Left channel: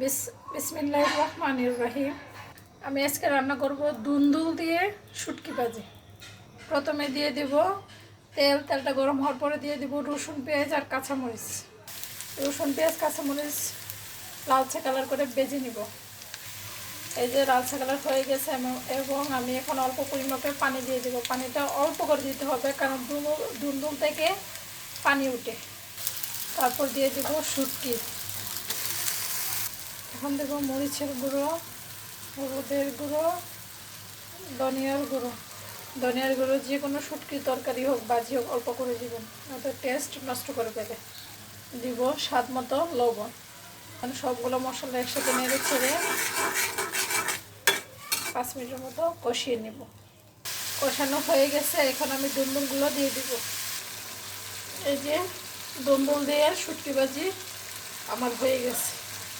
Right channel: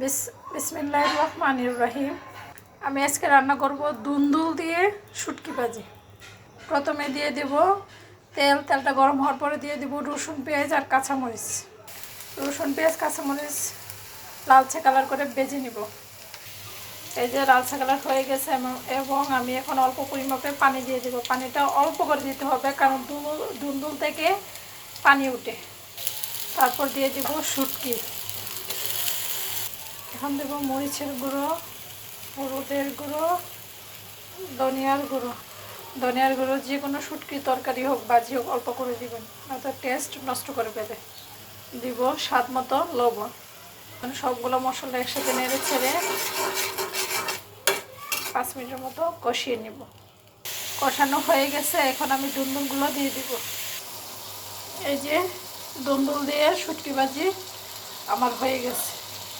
বিসমিল্লাহির রহমানির রহিম। আমি আজকে রান্না করব দুন্দুল দিয়ে শুটকি ভাজি। প্রথমে দিয়ে দেব তেলটা গরম হওয়ার পরে দিয়ে দেব রসুন পেঁয়াজ আর কাঁচামরিচ। রসুন পেঁয়াজ কাঁচামরিচ লালচে কালার করে ভেজে নিব। এই যে লালচে কালার হয়ে গেছে এবং আমি এখন অল্প পরিমাপে পানি দিয়ে দেব। পানিটা অল্প করে দিতে হবে কারণ দুন্দুল থেকে পানি উঠে। তারপর দিয়ে দেব শুটকি। এখন দেবো মরিচের গুঁড়ো, হলুদের গুঁড়ো, ধনিয়ার গুঁড়ো যে কোনো শুটকি তরকারি হোক ভাজি হোক অল্প করে দিবেন, নয়তো টেস্ট নষ্ট করে ফেলে। দিব স্বাদ মতো লবণ। সবগুলো মশলা একসাথে নেড়ে ছেড়ে 5 মিনিটের মতো কষিয়ে নিব। কষানো হয়ে গেছে, এখন আমি দুন্দুলগুলো দিয়ে দিব। এই যে দুন্দুল দিয়ে শুটকি ভাজি আমার হয়ে গেছে।